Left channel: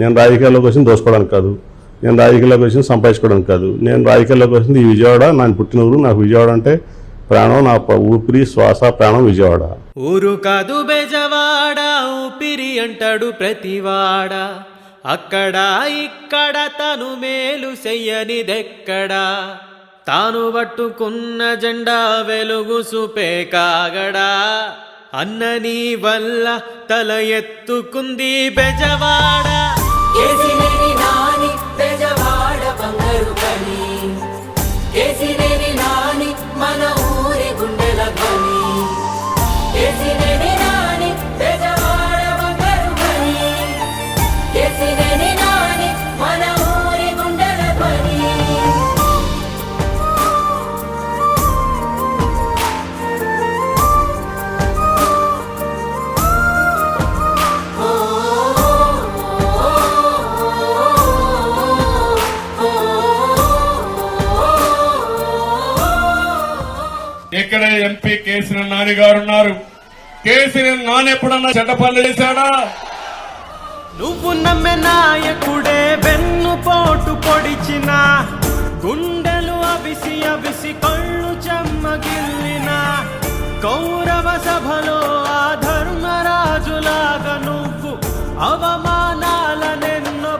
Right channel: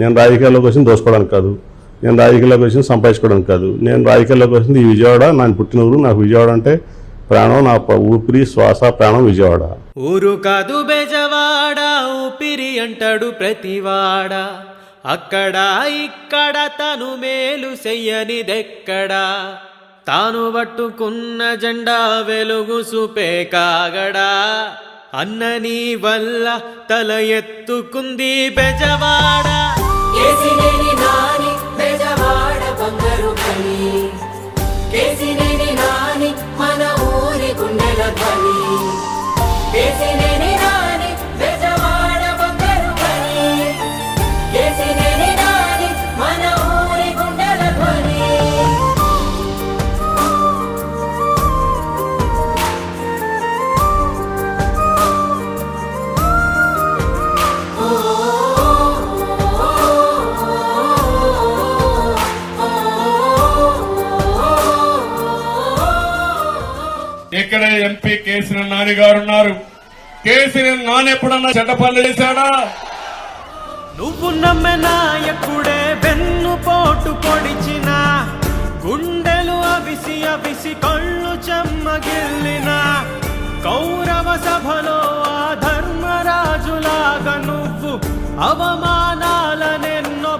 నేను రాజకీయాల్లోకి వచ్చింది దోసుకోవడానికి కాదు, నేను రాజకీయాల్లోకి వచ్చింది సంపాదించుకోవడానికి కాదు. నేను రాజకీయాల్లోకి వచ్చింది ఈ విజయవాడ, నాకు పుట్టిన ఊరు. నాకు విజయవాడ అంటే ప్రాణం, నా ఊపిరి శ్వాస ప్రాణం విజయవాడ. ఊరు కాదు బెజవాడ, ఊపిరి అంటాడు ప్రతివాడ. అక్కడ ఇక్కడ తను మేలు చెయ్యనిదెక్కడా, తాను పట్టుకున్న జెండా వెలుగు చూపే కాగడా. అన్న నీ వల్ల తల ఎత్తుకుంది బెజవాడ. ఇక్కడ ఎంపీ కేసీఆర్ నాని గారు ఉన్నారు. కేసీఆర్ నాని ఎప్పుడన్నా చెడ్డ పనులు చేశాడా? నువ్వు నమ్మె నాయకుడే వెన్ను పోటు పొడిచిన, గుండెలు అవిసి అవిసి కళ్ళు చెమ్మగిల్లిన, కౌరవ సభలో ఆ ధర్మరాజులాగా నువ్వు అవమానాలనెన్నో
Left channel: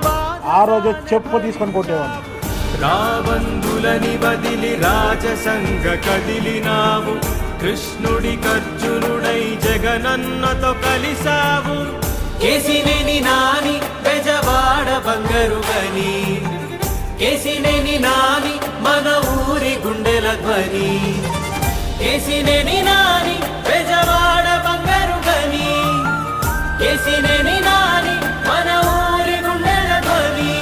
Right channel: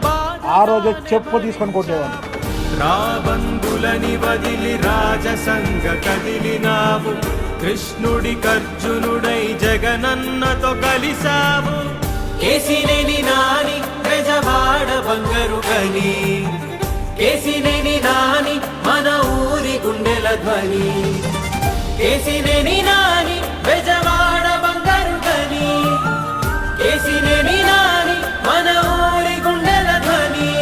ఆ రోజు చెప్పు తీసుకొని కొట్టేవాడు. రాబందులని వదిలి రాజసంగ కదిలినావు, కృష్ణుడి కర్జునుడై జగనన్నతో కలిసావు. కేసినేని నాని బెజవాడ బంగారు గని, కేసినేని నాని మన ఊరి గుండెల ధ్వని. కేసినేని నాని బెజవాడ బంగారు గని, కేసినేని నాని మన ఊరి గుండెల ధ్వని.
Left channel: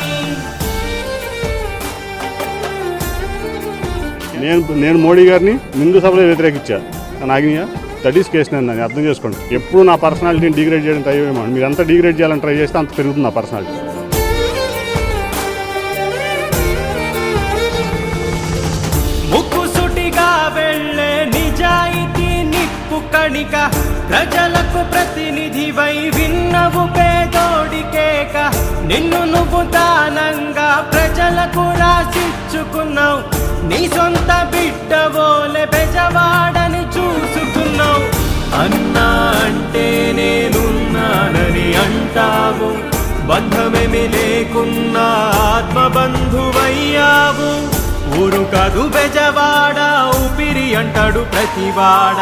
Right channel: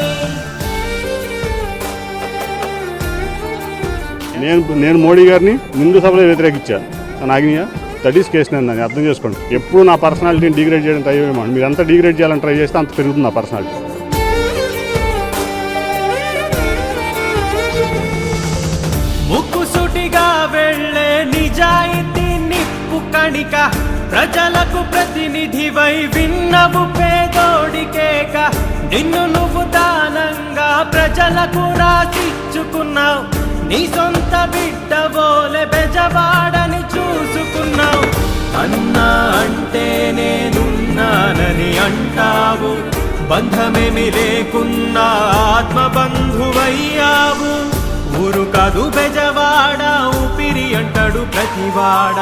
నేను మోడీ గారిని నిండు సభలో వ్యతిరేకించాను. నాగినియా దట్ ఈస్ కేసు. నేను అర్థం చేసుకోండి. ఎప్పుడు నా పర్సనాలిటీని డిగ్రేడ్ చేయడం ట్రై చేయమండి. మీరు ఎంత డిగ్రేడ్ చేయాలని ట్రై చేస్తే అంత పెరుగుతుంది నా పర్సనాలిటీ. ముక్కుసుటిగా వెళ్ళే నిజాయితీ నిప్పు కణిక, ప్రజలకు ప్రతినిధివై విన్నవు పేదోడికేక. నిన్ను నువ్వు దానంగా ప్రజలకు రాసిచ్చుకున్నావు, నీ సొంత బిడ్డవోలే బెజవాడని చూసుకున్నావు. అన్నా అంటే నేనున్నానని అంటావు, బంధమేమి లేకున్నా ఆత్మబంధువయ్యావు. ఊరు కాదు బెజవాడ, ఊపిరి అంటాడు ప్రతివాడ.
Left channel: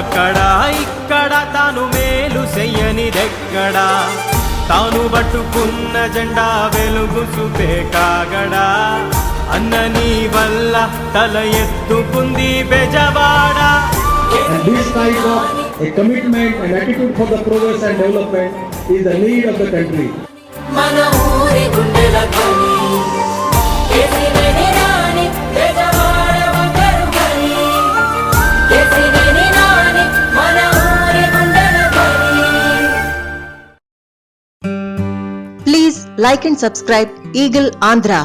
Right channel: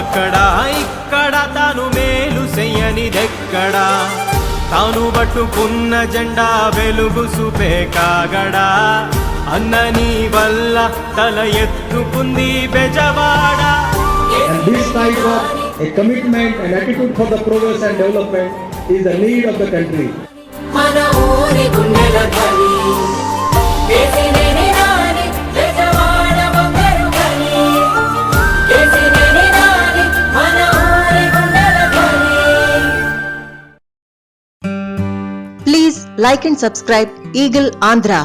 అక్కడ ఇక్కడ తాను మేలు చెయ్యనిదెక్కడా, తాను పట్టుకున్న జెండా వెలుగు చూపే కాగడా. అన్న నీ వల్ల తల ఎత్తుకుంది Bezawada. And this type of a commitment and attitude for the progress and development is the need of the country. మన ఊరి గుండెల ధ్వని, కేసినేని నాని బెజవాడ బంగారు గని, కేసినేని నాని మన ఊరి గుండెల ధ్వని. Please like and subscribe Eagle Andhra.